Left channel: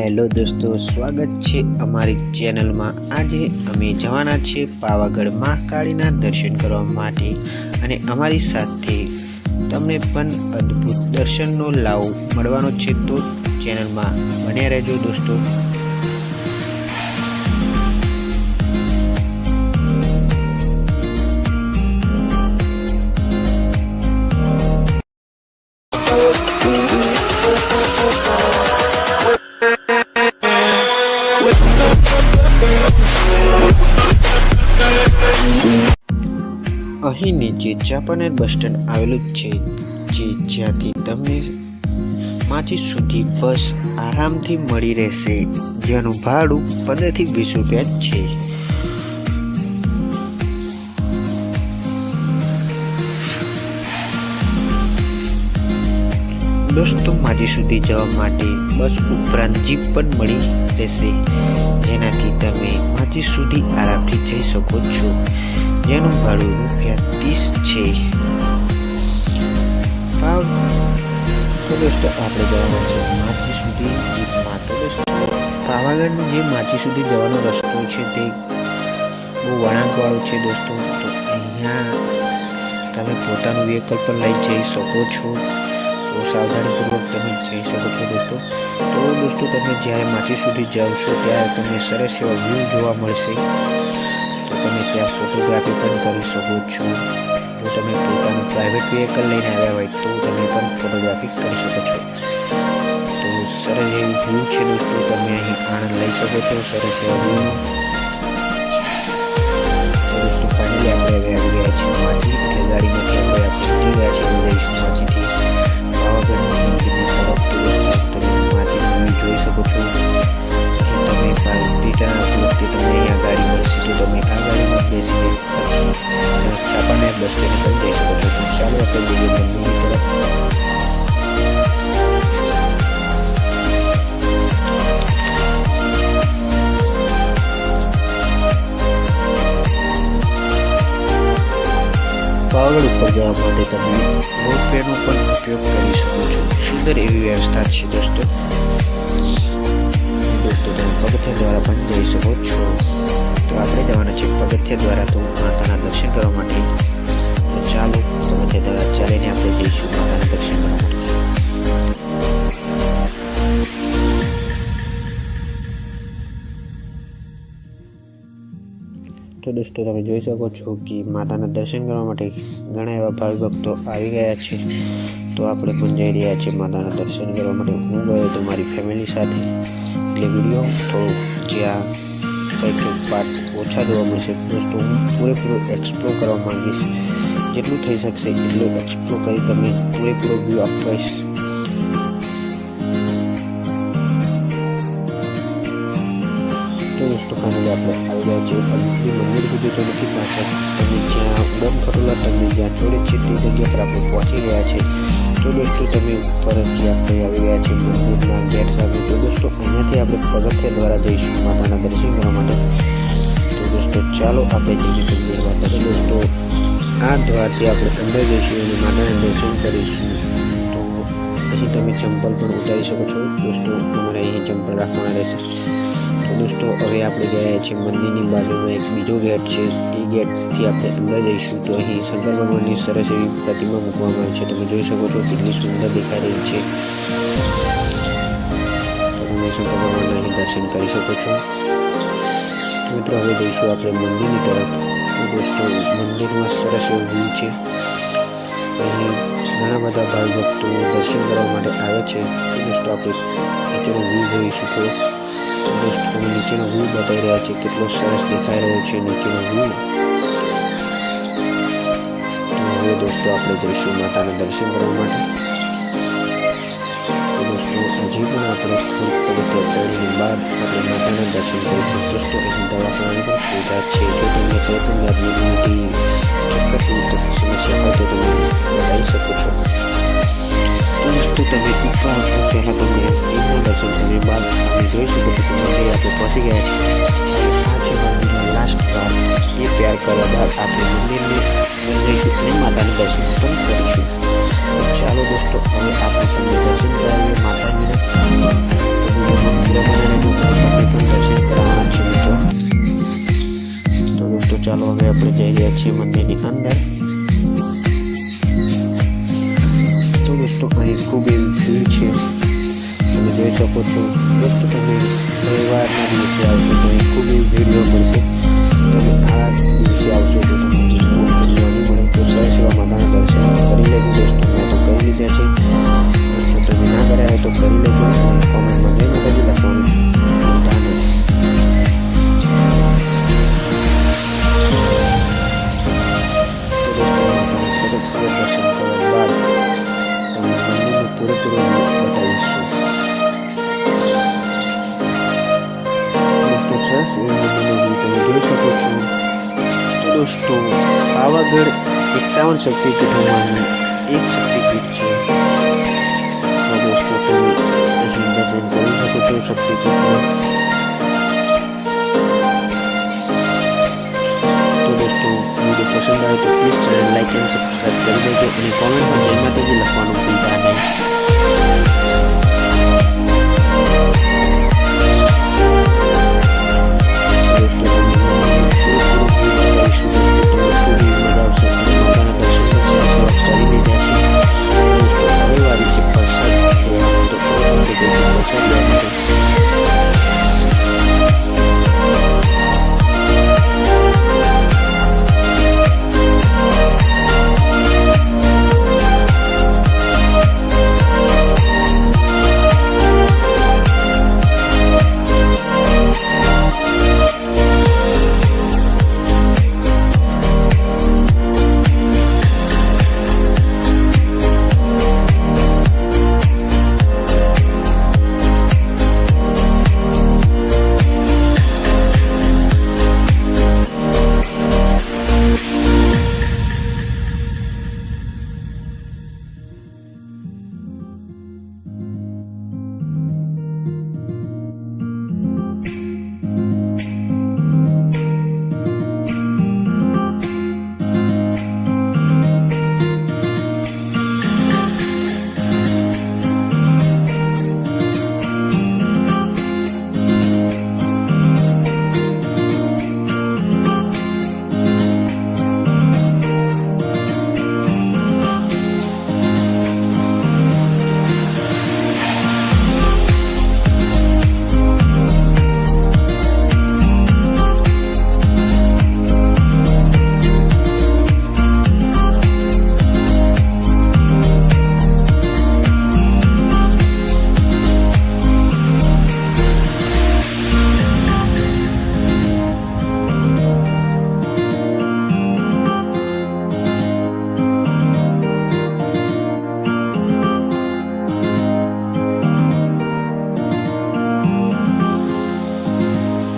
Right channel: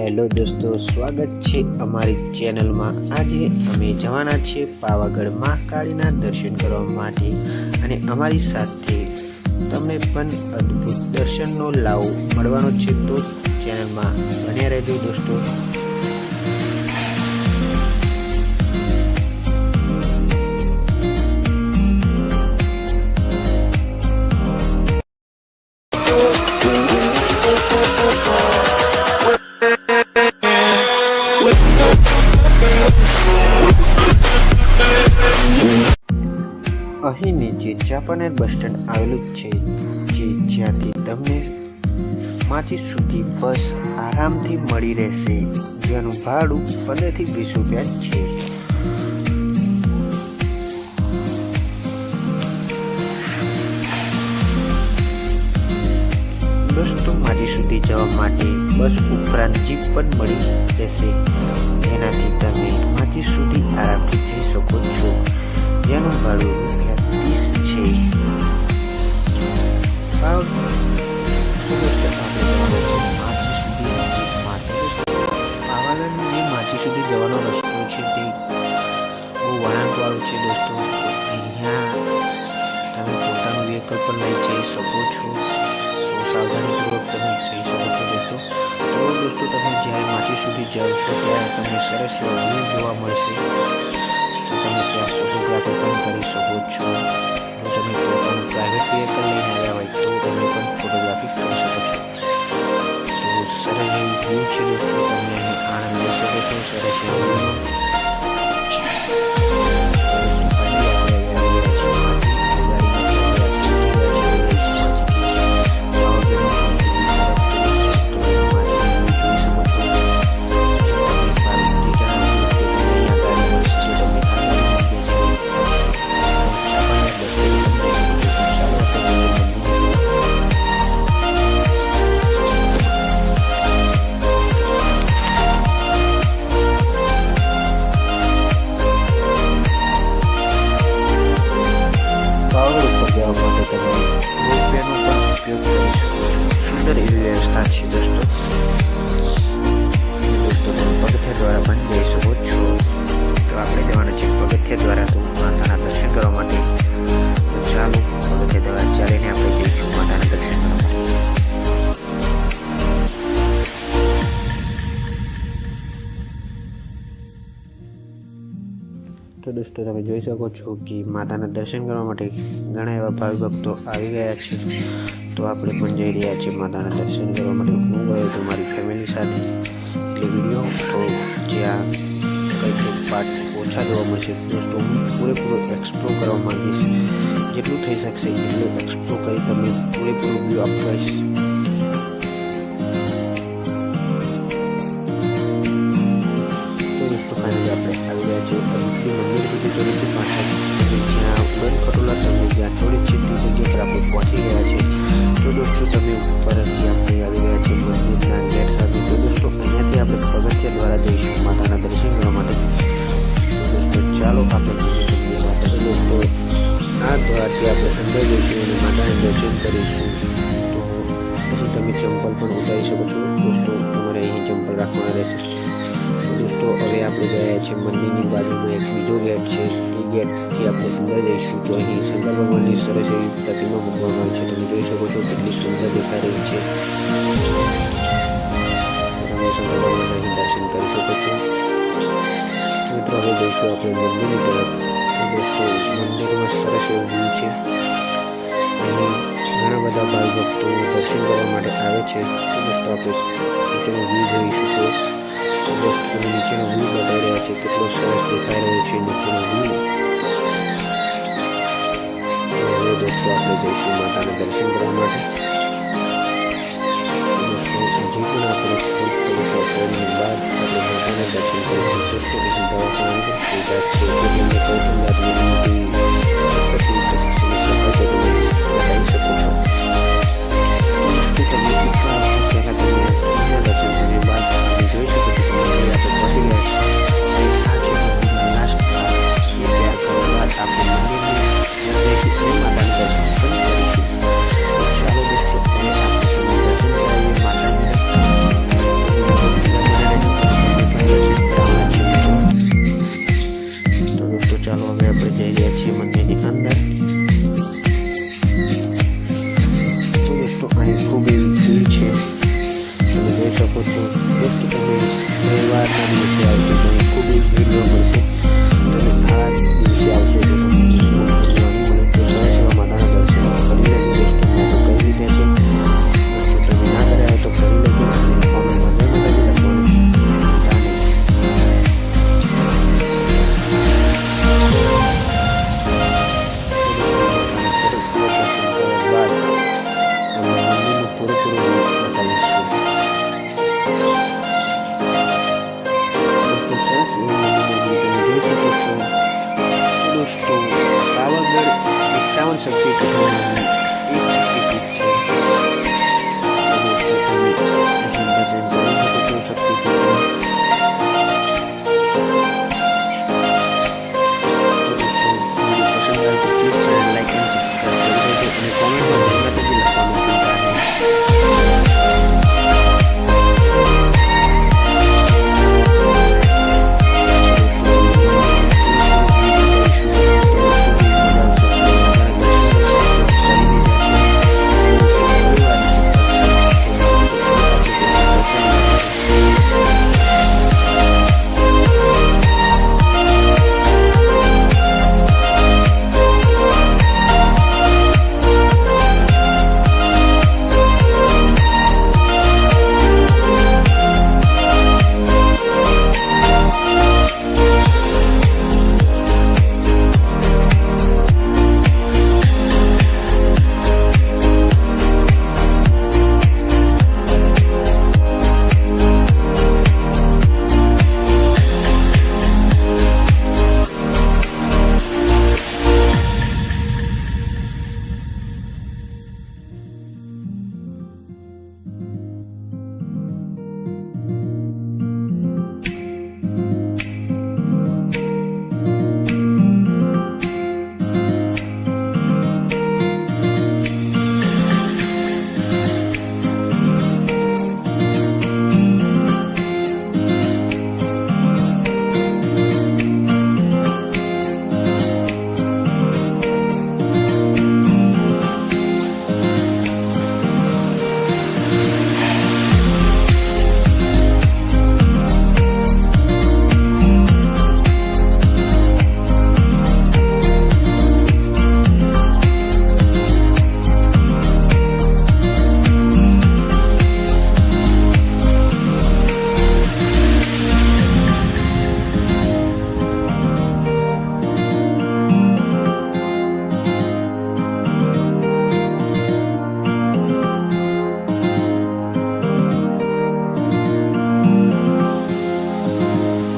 Hello દોસ્તો, સ્વાગત છે અમારી ચેનલમાં. આજે અમે જવાના છે પાવાગઢ મહાકાળીના દર્શન કરવા માટે અને અમારી સાથે તમને પણ અદ્ભુત દર્શનનો લાવો મળવાનો છે તો ચેનલમાં બન્યા રહેજો દોસ્તો. અહીં નીચે જાપાનેર બસ સ્ટેન્ડ આવેલું છે, જે જ્યાંથી તમને માંથી સુધી બસ આરામથી મળી રહેશે, જેનું ભાડું પંદરથી વીસ રૂપિયા છે. દોસ્તો માજી સુધી જવા માટે બસ ઉપરાંત જીપ પણ મળી રહેશે. જેનાથી તમે માજી સુધી આરામથી જઈ શકો છો. જેનું ભાડું રૂપિયા ત્રીસ છે. આપણે જવાનું છે. માચી સુધી જીપમાં જે માછી સુધી જવાનો રસ્તો છે તે બહુ વળાંકવાળો છે દોસ્તો. તો અહીંયા તમે પોતાનું વ્હીકલ પણ લઈ જઈ શકો છો. તો સાવધાનીપૂર્વક તમે જઈ શકો છો દોસ્તો. તો દોસ્તો તમે જ્યારે માચી સુધી જાઓ છો, ત્યારે તમને સરસ એવા વ્યૂ જોવા મળશે. તો તમે ત્યાં ફોટોગ્રાફી પણ કરી શકો છો. જો તમે પોતાનું પ્રાઇવેટ વ્હીકલ લઈને આવ્યા હોય તો તમે પણ ફોટોગ્રાફી કરી શકો છો. તો સરસ એવું વ્યૂ છે દોસ્તો, તમે અહીં આનંદ લઈ શકો છો સરસ એવા વ્યૂનો પાવાગઢ ઉપર જવા માટે તમે રોપવેનો પણ ઉપયોગ કરી શકો છો. સુંદર એવી વ્યવસ્થા છે દોસ્તો. દોસ્તો, તમે પગથિયા દ્વારા પણ જઈ શકો છો. તો આપણે જવાનું છે પગથિયા દ્વારા. તો માતાના દર્શન કરવા માટે. તો ચાલો, પગથિયા દ્વારા ચાલીને આપણે જઈશું. માતાના દર્શન તો દોસ્તો તમે જોઈ શકો છો કે માતાના દર્શન કરવા માટે ઘણા એવા ભાવિ ભક્તો આવી ગયા છે. તો આપણે પણ જઈ રહ્યા છીએ માતાના દર્શન કરવા માટે. હું ગયો તો મારી ફેમિલી સાથે. એટલે વીડિયો તો જ્યાં કંઈક પાર્ટ ઓછા જોવા મળશે. તો હું પૂરેપૂરો એક્સપ્લોર કરવા માંગીશ. જેટલું થઈ શકશે એટલું એક્સપ્લોર કરી તમને પૂરેપૂરો વ્યૂ આપીશ. તો ફાઇનલી આપણે આવી ગયા છીએ અદિતિ મંદિર સુધી તો પાછળ ઉડન ખટોલા તમને જ્યાં થોડીક જેટલી જગ્યા પર આપણે પહોંચી ગયા છે તો દોસ્તો તમે ફરજથી આપણે આવી ગયા છીએ મંદિરના અંદર સાથે તો દોસ્તો અહીંયાથી આપણે પગથિયા દ્વારા જઈશું માતાના દર્શન કરવા માટે તો દોસ્તો ચાલો આપણે જઈશું મંદિરમાં તો દોસ્તો આ દ્વારથી આપણે અંદર જઈશું અને માતાનું દર્શન કરીશું તો પછી તમે ચંપલ પણ ઉતારી શકો છો. દોસ્તો, તમારે અહીં ચંપલ રાખવાના રહેશે. દોસ્તો, હવે આપણે ગયા છીએ મંદિરની બાજુમાં એક બીજો ગેટ છે. એ ગેટથી આપણે અંદર જઈશું તો અહીં શંકર ભગવાનની સરસ એવી પ્રતિમા મૂકવામાં આવી છે. તમે જોઈ શકો છો કેટલી સુંદર દેખાઈ રહી છે. તમે શંકર ભગવાનના અહીં દર્શન કરી શકો છો. મિત્રો, હવે જઈશું આપણે મંદિરની તરફ. તો દોસ્તો, મંદિરમાં સરસ એવું વ્યૂ છે. અહીં ઘણા બધા ભાઈ ભક્તો દર્શન કરવા માટે આવે છે. તો દોસ્તો, આપણે નીચેનો વ્યૂ જોઈશું તો નીચેનો વ્યૂ બતાવી રહ્યા છે કેટલો સરસ દેખાઈ રહ્યો છે નીચેનો વ્યૂ હવે દોસ્તો આપણે જઈશું માતાના દર્શન કરવા માટે હજી પણ આપણે થોડીક થોડીક કરીને બાદ આપણે માતાના દર્શન કરીશું દોસ્તો પછી દવાખાનાની પણ છે તો તમને કોઈ પણ જાતની સમસ્યા હોય તો તમે બતાવી શકો છો દોસ્તો તમે ઉપર આવતા પહેલાં તમે શિવના દર્શન કર્યા બાદ તમે જોઈ શકો છો કે મંદિરે આપણે પહોંચી ગયા છે હવે આ છે મંદિરનો લાસ્ટ દ્વાર એ તૈયાર કર્યા બાદ આપણે મંદિરને મંદિર અને માતાના દર્શન પણ કરીશું તો ચાલો દોસ્તો હવે આપણે খুবই মিলছে মানে এটা কত প্রত্যেকটা মেয়ে মেয়েবার নামিয়েছে আর মানে খুবই ভিড় করেছে। মানে আজ বেশি আলোচনা મંદિરનું પૂરેપૂરું વ્યૂ બતાવીશું દોસ્તો સરસ એવું મંદિરનો વ્યૂ તમે જોઈ શકો છો તો દોસ્તો પાવાગઢ એકાવન શક્તિપીઠોમાંની એક શક્તિપીઠ છે તો દોસ્તો તમે અહીં દર્શન કરી શકો છો શક્તિપીઠમાં વિડીયો પસંદ આવે તો પ્લીઝ ચેનલ લાઈક અને સબસ્ક્રાઈબ કરી દેજો અને કોમેન્ટમાં જય માતાજી લખવાનું ભૂલતા નહીં